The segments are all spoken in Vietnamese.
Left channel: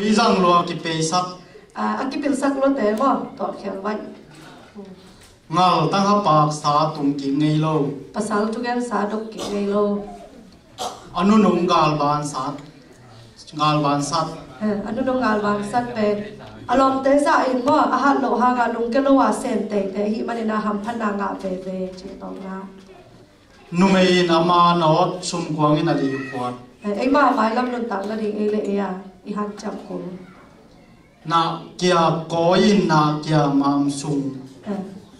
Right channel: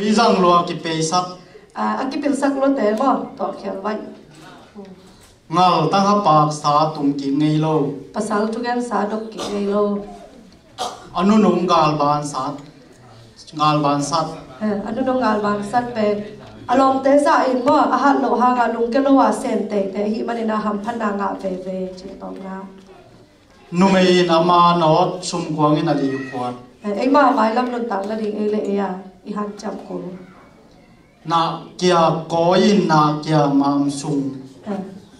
bây giờ lo cái bê sắc anh cái bê sắc lo thế mà tọt khéo vậy ngal tăng hấp bạc sa tung kỹ ngay lâu pasal tu kan sa dok ki ngay lâu anu nung gal ban sat anu nung gal ban sat pe alom te za in mo a hat lo ha ga lung ke lo wa sen te hi manina ham phana nga ve chi tong na numei nama not sum kwang in ali kwat ai ma mai lam nun tang la ding ai le ya I han cham ko na kia ko in na kia mam sung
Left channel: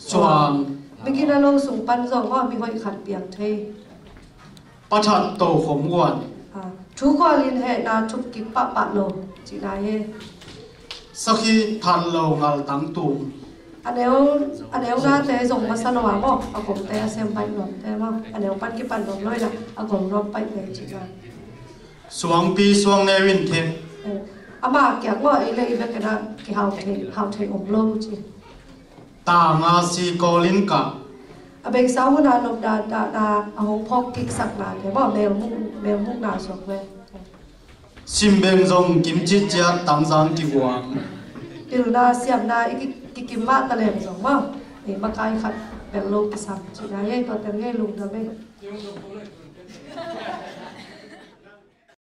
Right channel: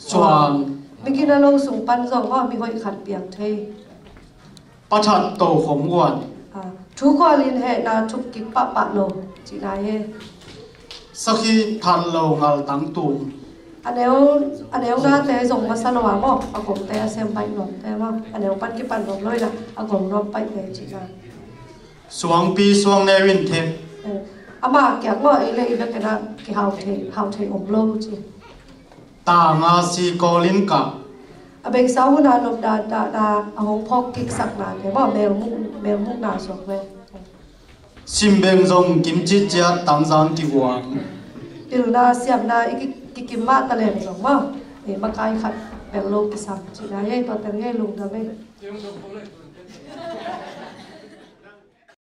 chuang begin lo sung pan zo mo mi hoi khat piang thei pathat to khom wan thu kwa lin he na thup ki pa lo chi na he sakhi than lo ngal tang tum aneu na te zong ma san wa mo a kom te sem pai nom te ma aneu pan ki pan nom loi la a kom rom pai te chi na suang pi suang ne win the ama kyak mo ai le be kana ki hau the om lo chi ta nga si kolin ka a bek sau na nom da a hong phok ki sak na te mo mel mu na so ve sim beng zong kim chi chia tang zang ki wang til na siam na ki kim ma ta lem zong mo e ma kai khat bel lo ki sak chi na ye to te nge lung da ve